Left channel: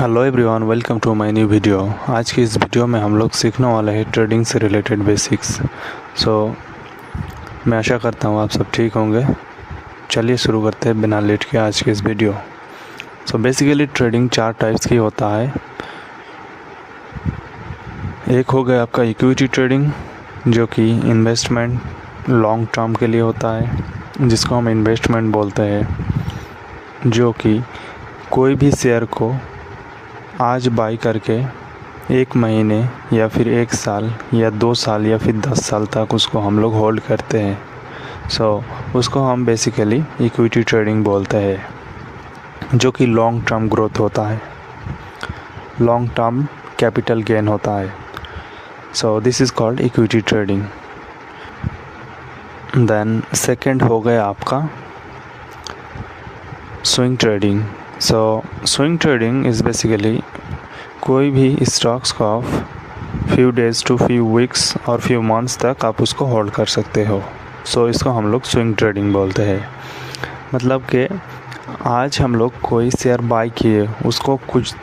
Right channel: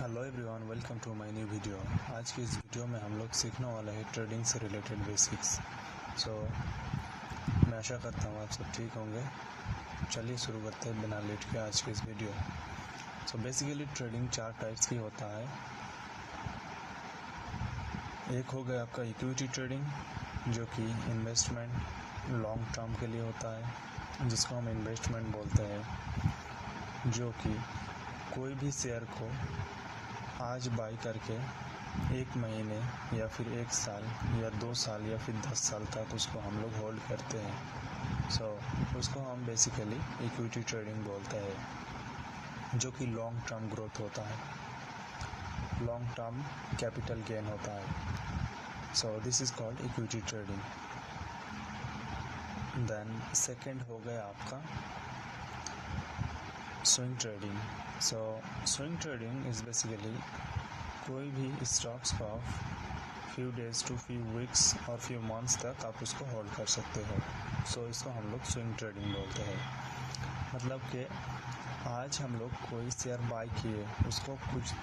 Hello everyone, welcome to my new video. आज की इस वीडियो में हम लोग सीखने वाले हैं ट्रेडिंग से रिलेटेड बेसिक्स। मैं आशा करता हूँ आप सब ठीक होंगे। चलिए शुरू करते हैं बिना लेट के आज की इस वीडियो। बेसिकली ट्रेडिंग चार टाइप्स की होता है। एक हो गया आपका इक्विटी ट्रेडिंग, जो कि इन्वेस्टमेंट लॉन्ग टर्म के लिए होता है, जिसको हम इन्वेस्टमेंट बोलते हैं, जो कि कोई भी शेयर को आज बाई करके एक महीने या फिर एक साल या 2 साल या फिर 10 साल तक उसको हम लोग होल्ड करते हैं। उसको हम बेसिकली इक्विटी ट्रेडिंग बोलते हैं, जो कि लॉन्ग टर्म ग्रोथ होता है, लॉन्ग टर्म कैपिटल गेन होता है। This is called equity trading. Then second हो गया आपका swing trading. Swing trading is basically कोई भी स्टॉक्स को आप few days to few weeks और फ्यू मंथ्स तक आप उसको होल्ड कर सकते हो। इसको हम लोग स्विंग ट्रेडिंग बोलते हैं। मतलब कि आज हम लोग कोई शेयर बाई किए, उसको कुछ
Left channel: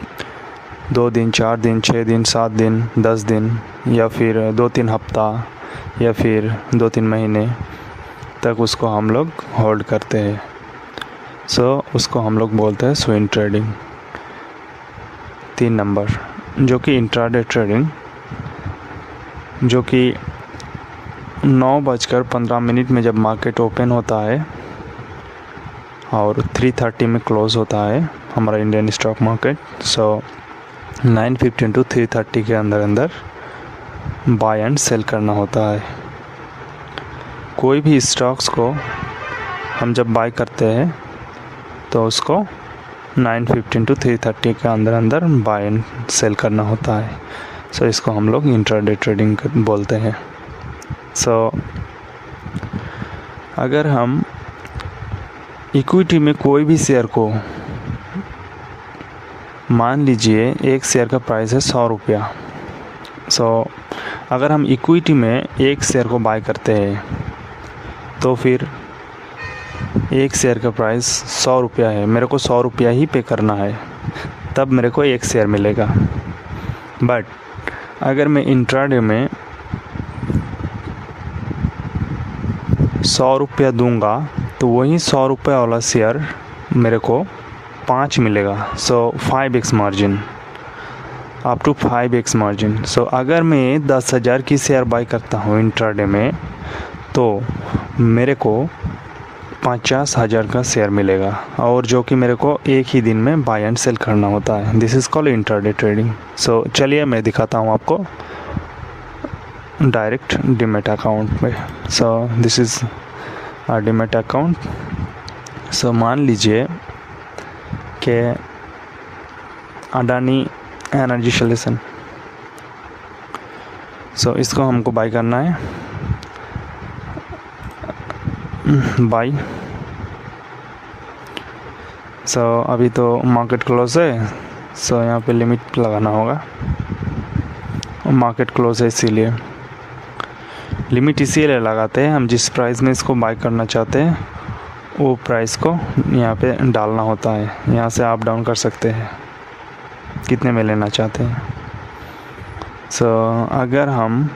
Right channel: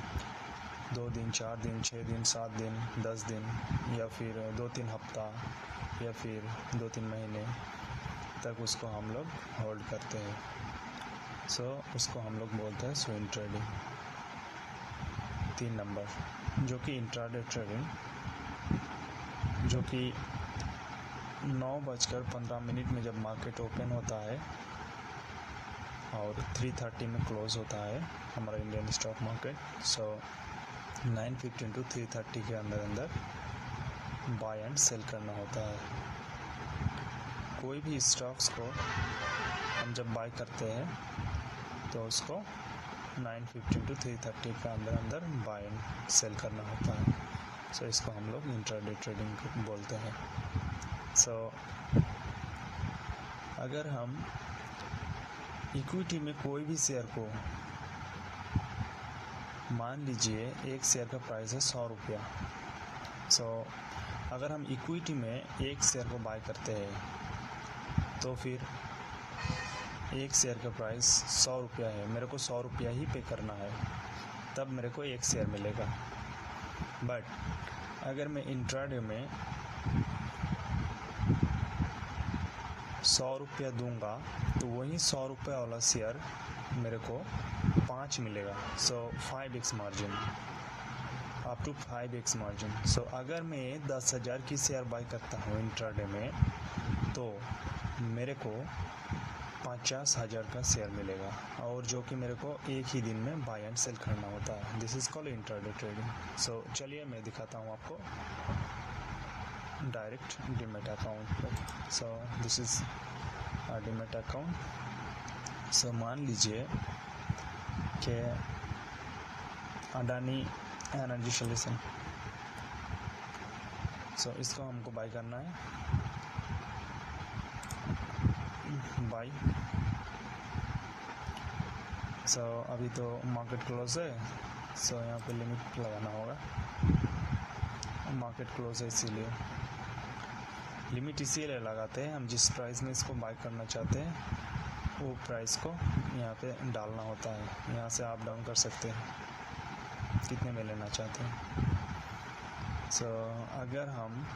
2 दिन, 4 दिन, 6 दिन, 7 दिन, 10 दिन या फिर 2-3 हफ्ता या फिर 2-3 महीने तक उसको हम लोग होल्ड करते हैं। उसको हम लोग बोलते हैं स्विंग ट्रेडिंग। 3 नंबर, जो कि इंट्राडे ट्रेडिंग, जो कि 9:15 में जब मार्केट ओपन होता है और 3:30 में क्लोज़ होता है हमारा इंडियन स्टॉक मार्केट। 9:15 to 3:30 के अंदर बाय एंड सेल करना होता है। कोई भी स्टॉक्स को हम जब बाय करते हैं तो उसको 9:15 to 3:30 के अंदर बाय एंड सेल करना होता है। इसको हम लोग इंट्राडे ट्रेडिंग बोलते हैं। अगर हम इक्विटी में कोई भी शेयर को, मान लीजिए एक शेयर का प्राइस है 100 रुपया। अगर हम इक्विटी में एक शेयर को बाय करते हैं तो फिर एक शेयर का प्राइस 100 रुपया है, मेरे को 100 रुपया ही पे करना है, तब मेरे को एक शेयर मिलेगा। बट अगर मैं इंट्राडे में 100 रुपया दूंगा तो वही 100 रुपया वाला शेयर मेरे को 5 मिलेगा। 5x margin, up to 5x margin. अगर मैं 10,000 की शेयर बाई करता हूँ इंट्राडे में तो मेरे को 50,000 का शेयर मिलेगा, और जो कि मेरे को एक ही दिन में बाय एंड सेल करना होता है। This is called intraday trading. चलिए मैं दिखाता हूँ आपको डायरेक्ट डीमैट अकाउंट में। This is demat account. मान लीजिए कि अडानी एनर्जी सॉल्यूशन, इसको हमको बाई करना है, बाई। अभी तो मार्केट क्लोज है, यहाँ पे लिमिट लगाना होगा। मार्केट क्लोज है इसीलिए लिमिट इसीलिए लगाते हैं, हम जिस प्राइस में इसको बाय करना चाहते हैं वो प्राइस को यहाँ पे डालना होता है। यहाँ से अप डाउन कर सकते हैं कितने में लेना चाहते हैं। अगर हम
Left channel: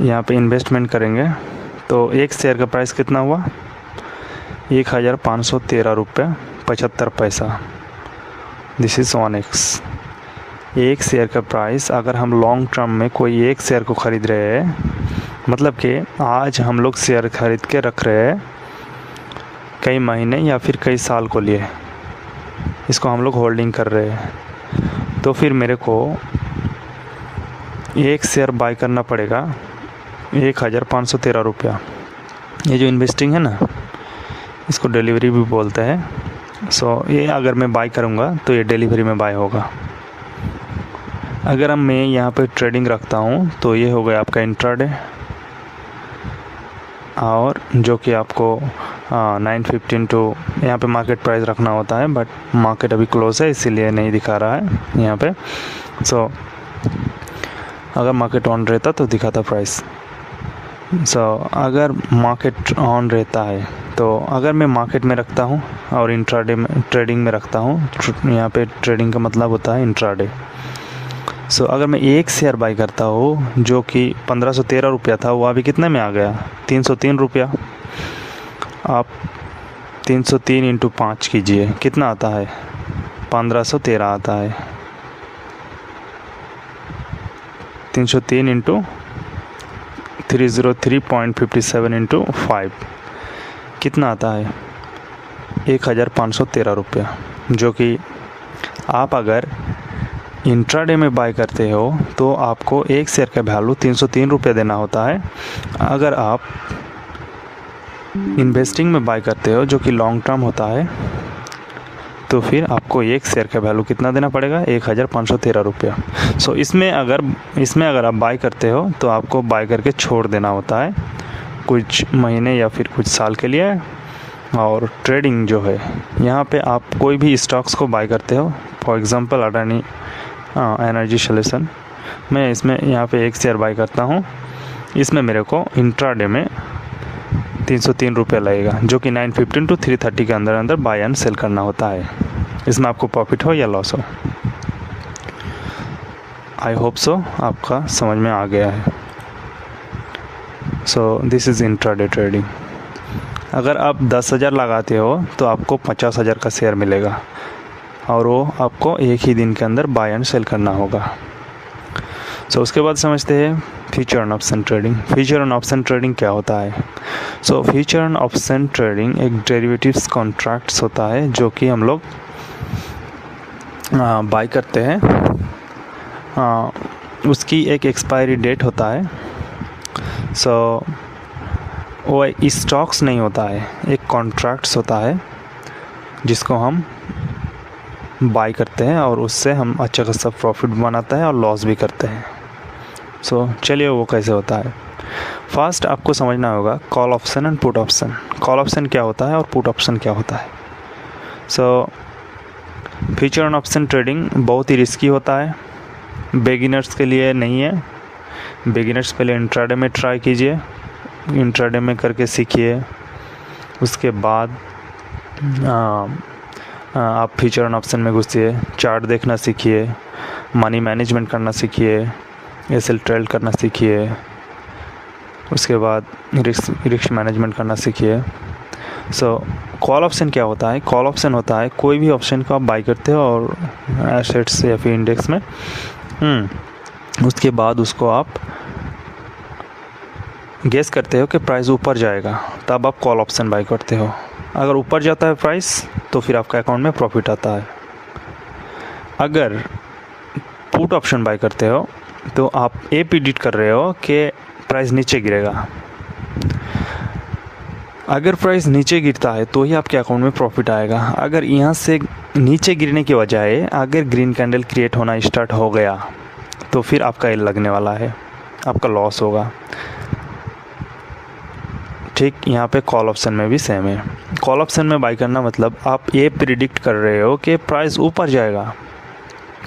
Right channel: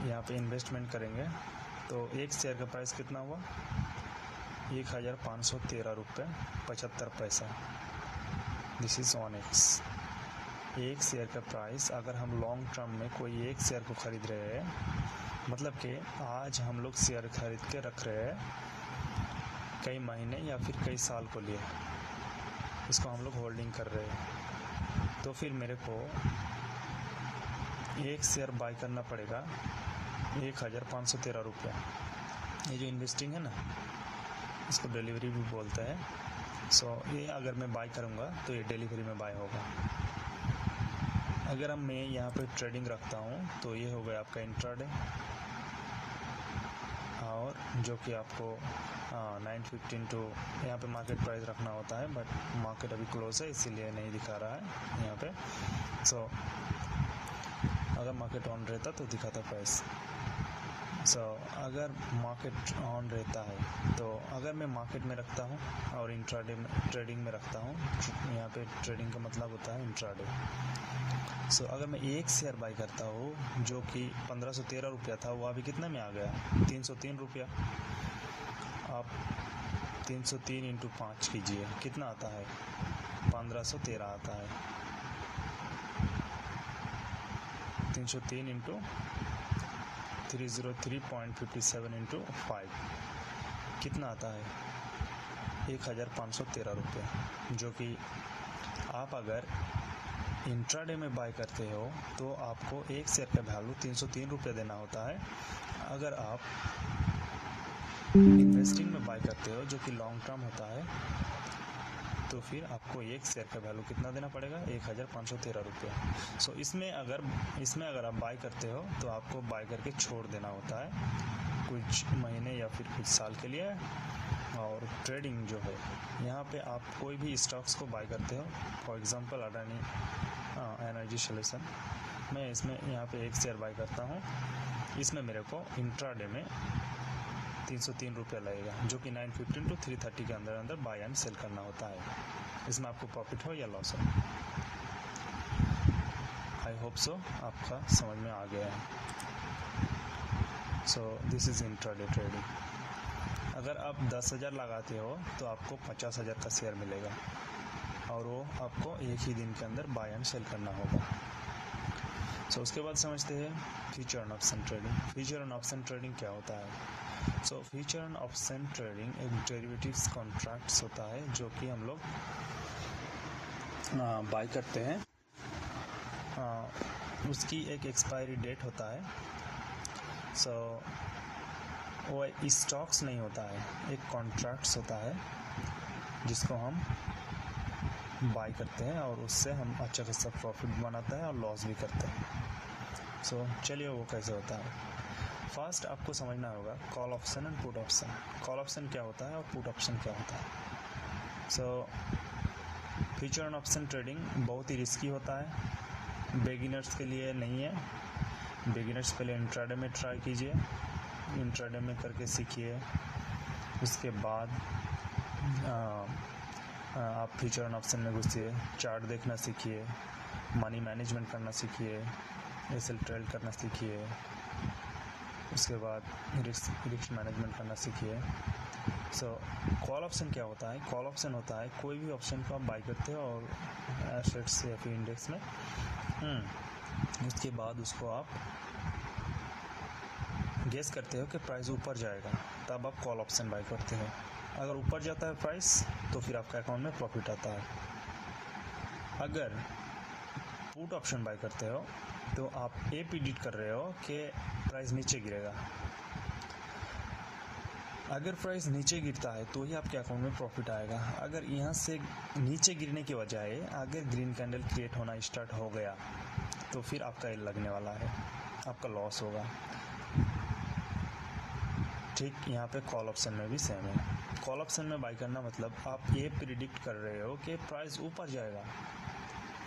यहाँ पे इन्वेस्टमेंट करेंगे तो एक शेयर का प्राइस कितना हुआ, 1513 रुपये 75 पैसा। This is 1x। एक शेयर का प्राइस, अगर हम लॉन्ग टर्म में कोई एक शेयर को ख़रीद रहे हैं, मतलब कि आज हम लोग शेयर ख़रीद के रख रहे हैं कई महीने या फिर कई साल को लिए, इसको हम लोग होल्डिंग कर रहे हैं, तो फिर मेरे को एक शेयर बाय करना पड़ेगा 1513 रुपया। ये जो इन्वेस्टिंग है ना, इसको डिलीवरी भी बोलते हैं। ये अगर मैं बाय करूँगा तो ये डिलीवरी में बाय होगा। अगर मैं यहाँ पे ट्रेडिंग रखता हूँ तो ये हो गया आपका इंट्राडे, और जो कि आपको 9:15 टू, यहाँ पे मार्केट प्राइस रखना होता है, बट मार्केट अभी क्लोज है इसीलिए नहीं दिखा रहा है यहाँ पे। अगर मार्केट ऑन रहता तो दिखाता प्राइस। अगर मार्केट ऑन रहता है तो अगर मैं मार्केट में रखता हूँ और इंट्राडे में ट्रेडिंग में रखता हूँ, यहाँ पे ट्रेडिंग का मतलब होता है इंट्राडे। अगर मैं एक शेयर बाई करता हूँ जो कि 1513 रुपया था, वो अभी कितने में आ गया, 303 रुपया। आप 303 इंटू 5 कीजिए, कितना आता है, 1513 आता है। 303 इंटू 303.57 इंटू 5 कितना आता है, 1513 रुपया। जो कि आप अगर इंट्राडे में बाय करते हो तो आपको एक शेयर का वैल्यू 303 रुपये देना होता है। अगर आप इन्वेस्टिंग में बाय करते हो जो कि लॉन्ग टर्म होता है, तो फिर आपको एक शेयर का वैल्यू कितना देना पड़ेगा, 1513 रुपया। इसमें अगर आप बाय करते हो तो आपको बाय करके छोड़ देना होता है कुछ महीने या फिर कुछ साल के लिए। और ट्रेडिंग जो है, यहाँ पे आप कोई भी स्टॉक्स को बाय करते हो, for example Adani energy solution, मैं इसमें यहाँ पे एक शेयर बाय करता हूँ, इसमें मेरे को इंट्राडे में 303 रुपये लगेगा, जो कि 9:15 to 3:30 के अंदर बाय एंड सेल करना होता है। इसमें आपको प्रॉफिट हो या लॉस हो। आई होप सो आपका समझ में आ गया है। This is intraday trading. अगर आप 10,000 लगाते हो तो आपको 50,000 का शेयर मिलेगा और वो आपको एक ही दिन के अंदर बाय एंड सेल करना होगा। उसके बाद समझते हैं future and option trading. Future and option trading क्या होता है? फ्यूचर एंड ऑप्शन ट्रेडिंग एक डेरिवेटिव्स कॉन्ट्रैक्ट्स होता है जो कि हम लोग बाय करते हैं। उसकी एक एक्सपायरी डेट होता है। वो स्टॉक्स नहीं होता है, एक कॉन्ट्रैक्ट्स होता है जिसको हम बाय करते हैं और उससे हम अच्छा खासा प्रॉफिट बनाते हैं और लॉस भी करते हैं। चलिए वो कैसे होता है। फर्स्ट आपको समझना होगा call option and put option. Call option क्या होता है और पुट ऑप्शन क्या होता है। फ्यूचर एंड ऑप्शन ट्रेडिंग बहुत ही रिस्की होता है, बिगिनर्स के लिए नहीं है। बिगिनर्स पहले इंट्राडे में ट्राई कीजिए, इंट्राडे में करके सीखिए। उसके बाद आप फ्यूचर एंड ऑप्शन में घुसिए, चार्ट देखना सीखिए, मनी मैनेजमेंट करना सीखिए, एसएल ट्रेड करना सीखिए। उसके बाद रिस्क मैनेजमेंट करना सीखिए। कॉल ऑप्शन क्या होता है? कॉल ऑप्शन होता है कोई भी ऑप्शन को आप बाई करते हो और एसेट्स या फिर इंडेक्स में, उसके बाद उसको आप गेस करते हो कि प्राइस ऊपर जाएगा, तब आप कॉल ऑप्शन बाई करते हो। अगर ऊपर जाता है प्राइस तो फिर आपका अकाउंट में प्रॉफिट आता है। अगर पुट ऑप्शन बाई करते हो तो आप ये प्रिडिक्ट कर रहे हो कि प्राइस नीचे गिरेगा। अगर प्राइस नीचे गिरता है तो ही आपके अकाउंट में प्रॉफिट आएगा। अगर यहाँ से नीचे गिरने की बजाय अगर ग्रीन कैंडल क्रिएट होना स्टार्ट हो गया तो फिर आपका एल लगने वाला है, आपका लॉस होगा। ठीक यहाँ पे कॉल ऑप्शन में भी सेम है। कॉल ऑप्शन में बाई करना मतलब आप ये प्रिडिक्ट कर रहे हो कि प्राइस ऊपर जाएगा,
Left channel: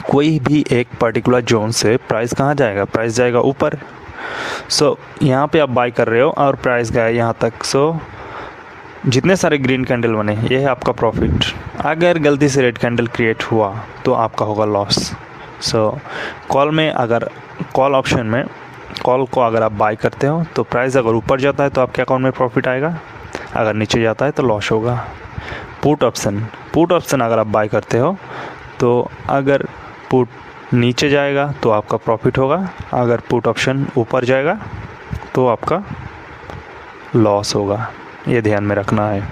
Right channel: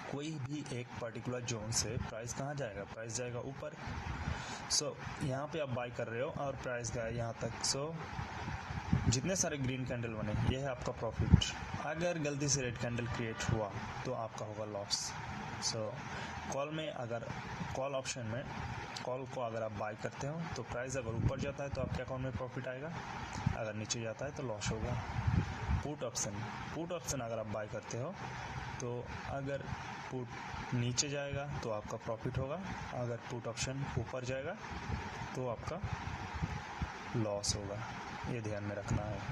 कोई भी एक पर्टिकुलर जोन से प्राइस कहाँ जाएगा, प्राइस जाएगा ऊपर। यहाँ पे आप बाई कर रहे हो और प्राइस गया यहाँ तक। जितने सारे ग्रीन कैंडल बने ये है आपका प्रॉफिट। अगर गलती से रेड कैंडल क्रिएट हुआ तो आपका होगा लॉस। कॉल में अगर कॉल ऑप्शन में कॉल को अगर आप बाई करते हो तो प्राइस अगर ऊपर जाता है तो आपके अकाउंट में प्रॉफिट आएगा, अगर नीचे जाता है तो लॉस होगा। पुट ऑप्शन अगर आप बाई करते हो तो अगर पुट नीचे जाएगा तो आपका प्रॉफिट होगा, अगर पुट ऑप्शन ऊपर जाएगा तो आपका लॉस होगा। ये ध्यान में रखना है।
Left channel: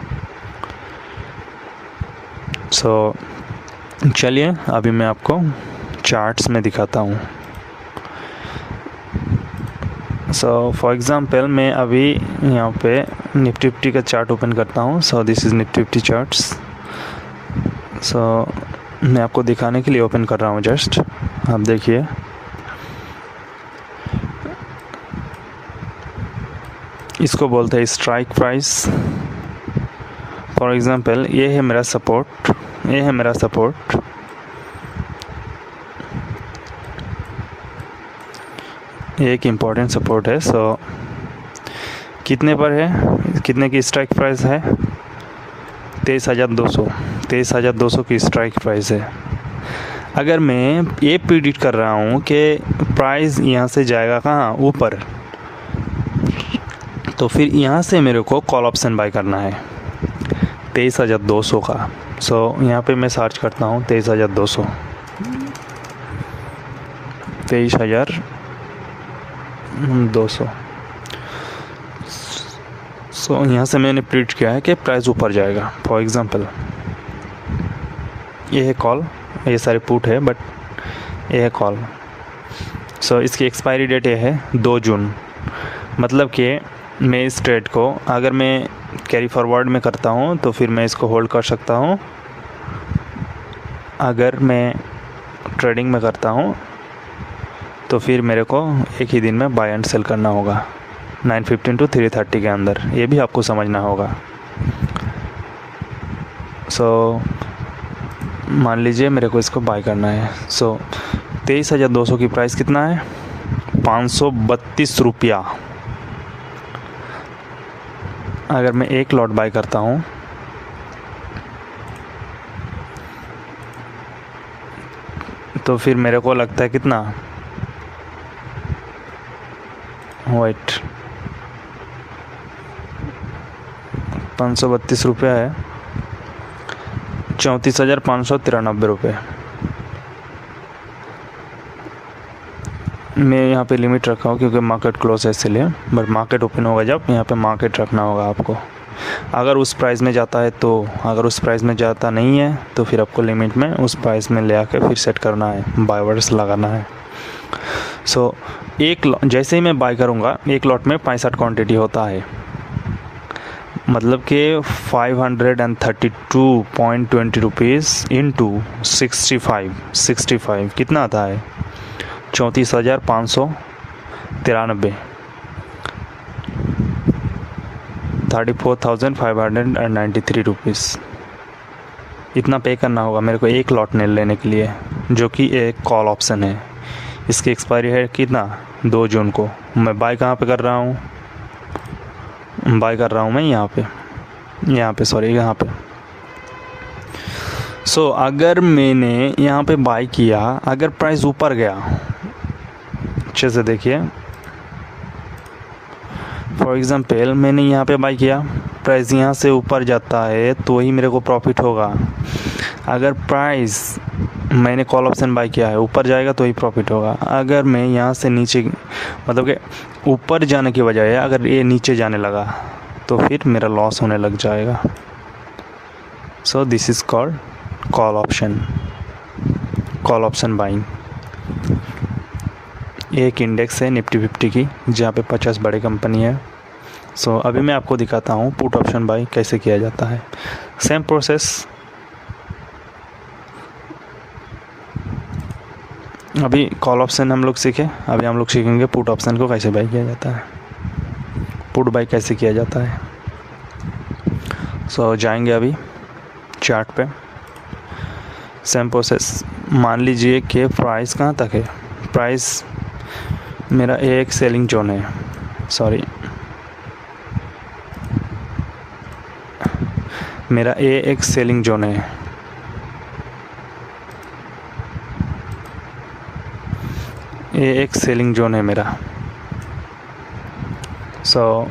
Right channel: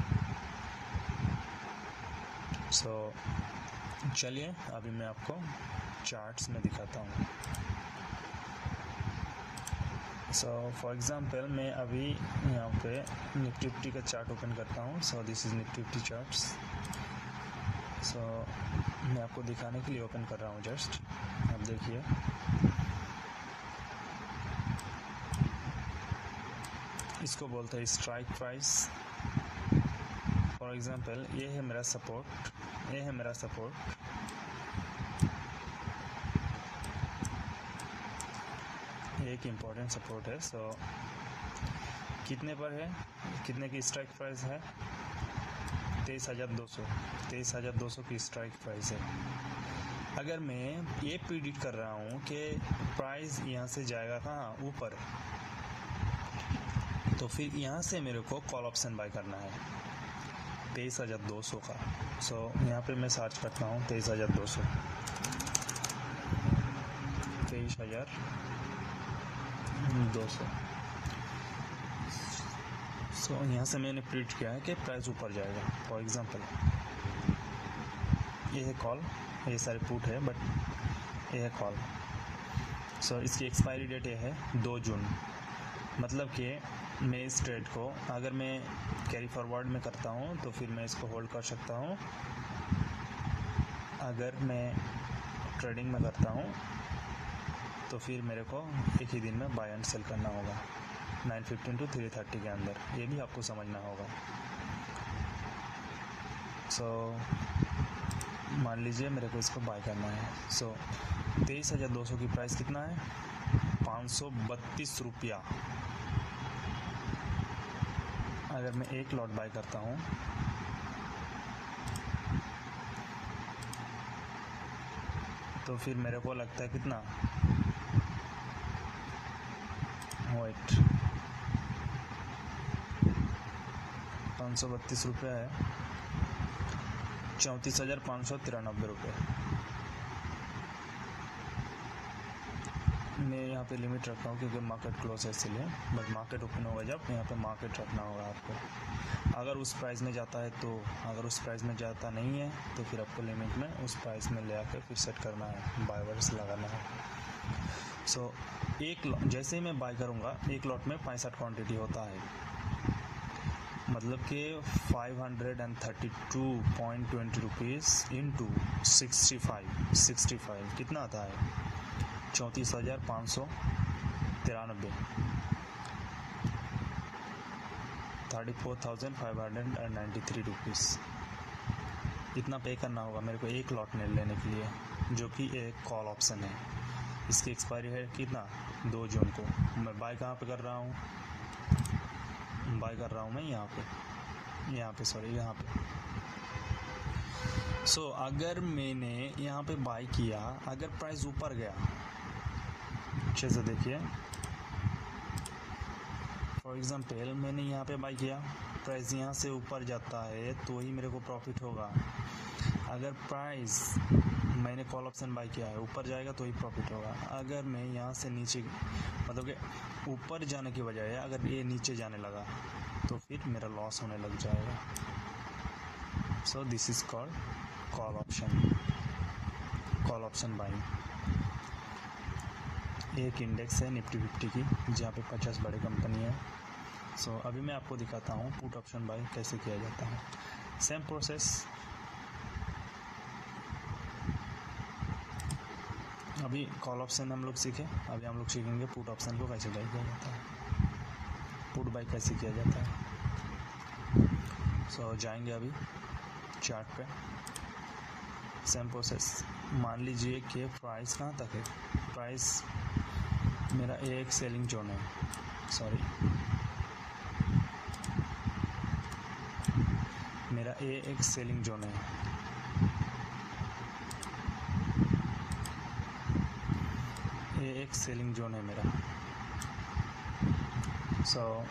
चलिए अभी मैं आपको चार्ट्स में दिखाता हूँ। फॉर एग्ज़ाम्पल मैं अभी यहाँ पे निफ्टी 50 का चार्ट ओपन करता हूँ। This is Nifty 50 charts. मैं आपको दिखाने के लिए ओपन कर रहा हूँ जस्ट, आप देखिए। इसको बोलते हैं स्ट्राइक प्राइस। फॉर एग्ज़ाम्पल ये है मेरा सपोर्ट, ये है मेरा सपोर्ट। एक इम्पॉर्टेंट सपोर्ट है। कितने पर है, कितने की स्ट्राइक प्राइस है? 23,200। 23,200 की स्ट्राइक प्राइस है। अगर मैं ये प्रिडिक्ट कर रहा हूँ कि प्राइस यहाँ से जाएगा कहाँ, ऊपर, तो फिर यहाँ से मेरे को कॉल ऑप्शन बाय करना है 23,200 का। सो यहाँ पे मैं सर्च करता हूँ 23,200, 23,200। सो यहाँ से मैंने प्रिडिक्ट किया है कि प्राइस ऊपर जाएगा। फॉर एग्ज़ाम्पल ये है कॉल, ये सारे पुट है बट ये है कॉल। सो इसकी एक्सपायरी डेट ये है 2 जून। मतलब कि मैं इस ट्रेड को अगर मैं कैरी फॉरवर्ड में करता हूँ तो फिर मैं इसको होल्ड कर सकता हूँ। अगर मैं ट्रेडिंग में करता हूँ तो फिर मेरे को एक ही दिन में बाय एंड सेल करना होगा 9:15 to 3:30 के अंदर। ये भी आपको समझना होगा। सो मान लीजिए मेरे को इसको बाय करना है। सो 23,200 की प्राइस कितना है? 532 रुपया। अगर मैं एक लॉट बाय करता हूँ तो फिर मेरे को लगता है कितना, वाइट 532 रुपया है, 34,593 रुपये। मैं यहाँ पे लिमिट रखा हूँ क्योंकि मार्केट क्लोज है इसलिए, बट मार्केट ओपन होगा जब यहाँ पे मार्केट रखना होगा आपको। अगर उस प्राइस में जाता है तो, अगर उस प्राइस में जाता नहीं है तो फिर आपको लिमिट में उस प्राइस में ले आकर फिर सेट करना है, बाय वर्ड्स लगाना है। सो जैसे ही मैं बाय करूँगा, एक लॉट में 65 क्वांटिटी होता है, मतलब कि 532.20 रुपीज़ इंटू 65 कितना आता है? 34,593, 34,593 रुपीज़। इतना पे करना होगा मेरे को एक लॉट ने लेने के लिए, जो कि एक कॉल ऑप्शन है। इसकी एक्सपायरी है कितना? 2 जून को। मैं बाय कहाँ पे कर रहा हूँ? बाय कर रहा हूँ मैं यहाँ पे यहाँ पे। सो अगर मैंने यहाँ पे बाय किया, अगर प्राइस ऊपर गया, अच्छे से देखिए, फॉर एग्ज़ाम्पल मैंने यहाँ पे बाय किया, प्राइस यहाँ से ऊपर जाता है तो ही मेरे को प्रॉफिट होगा। अगर प्राइस मैंने कॉल ऑप्शन बाय किया है ऊपर जाएगा तो ही प्रॉफिट होगा। अगर मैं यहाँ से नीचे, मतलब कि ऊपर जाने की बजाय अगर ये नीचे जाने लगा तो फिर मेरा लॉस होने लग जाएगा। So this is called call option buying. एक इंडेक्स है निफ्टी 50 की, जहाँ पे 50 बड़े कंपनी है। सो अभी मैं आपको दिखाता हूँ पुट ऑप्शन बाई कैसे किया जाता है। Same process. अभी कॉल ऑप्शन हम लोग सीखे, अभी हम लोग सीखेंगे पुट ऑप्शन को कैसे बाई किया जाता है, पुट बाई कैसे किया जाता है। सो जाएंगे अभी चार्ट पे। Same process. मान लीजिए कि प्राइस कहाँ तक है, प्राइस मेरा एक सेलिंग जोन है, सॉरी मेरा एक सेलिंग जोन है। एक सेलिंग जोन है मेरा। सो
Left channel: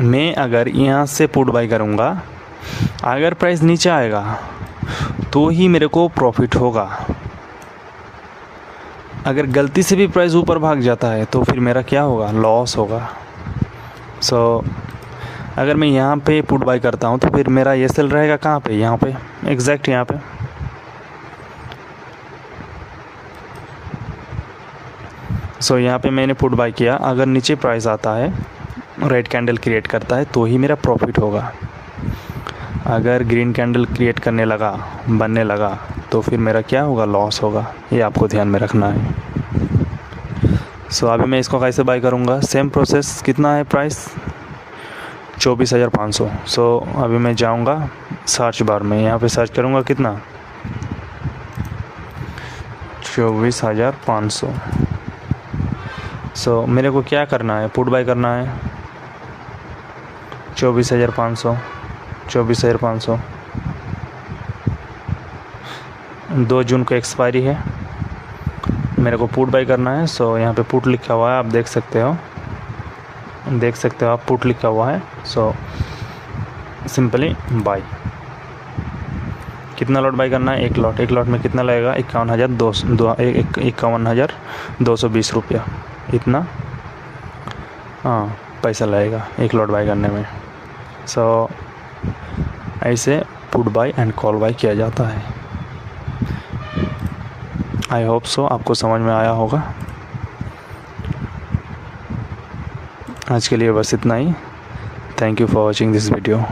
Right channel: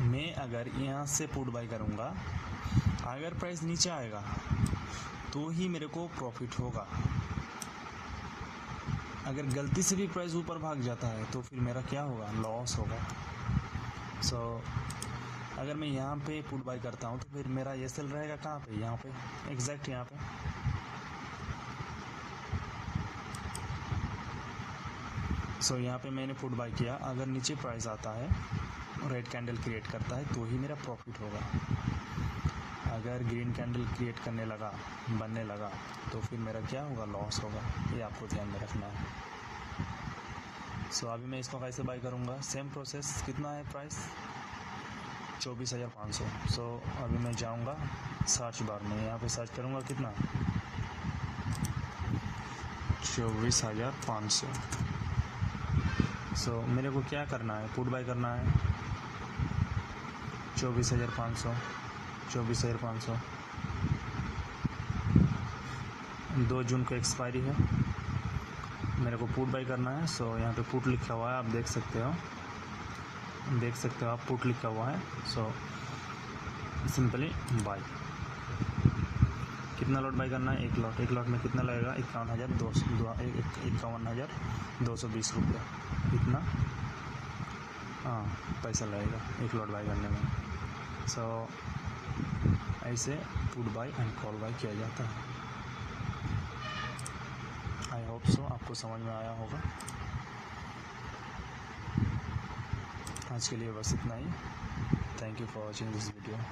मैं अगर यहाँ से पुट बाई करूँगा, अगर प्राइस नीचे आएगा तो ही मेरे को प्रॉफिट होगा। अगर गलती से भी प्राइस ऊपर भाग जाता है तो फिर मेरा क्या होगा? लॉस होगा। सो अगर मैं यहाँ पे पुट बाई करता हूँ तो फिर मेरा ये सेल रहेगा कहाँ पे? यहाँ पे, एग्जैक्ट यहाँ पे। सो यहाँ पे मैंने पुट बाई किया, अगर नीचे प्राइस आता है, रेड कैंडल क्रिएट करता है तो ही मेरा प्रॉफिट होगा। अगर ग्रीन कैंडल क्रिएट करने लगा, बनने लगा, तो फिर मेरा क्या होगा? लॉस होगा। ये आपको ध्यान में रखना है। सो अभी मैं इसको कैसे बाय करूँगा? Same process. कितना है प्राइस? 24,500। सो अभी मैं जाऊँगा सर्च बार में, यहाँ पे सर्च करूँगा कितना? 24,500। सो मेरे को क्या करना है, पुट बाय करना है 24,500, 24,500। 2 जून को एक्सपायरी है, मेरे को पुट बाय करना है। सो यहाँ पे पुट लिखा हुआ है, आप देख सकते हो आप पुट लिखा हुआ है। So simply buy. कितना लॉट बाय करना है? 1 लॉट। 1 लॉट में कितना लगेगा? 51,220 रुपया, इतना हाँ पैसा लगेगा 1 लॉट बाय करने में। सो ऐसे put buy and call buy किया जाता है। आई होप सो आपको समझ में आया होगा। आज के लिए बस इतना ही। Thank you for watching this video.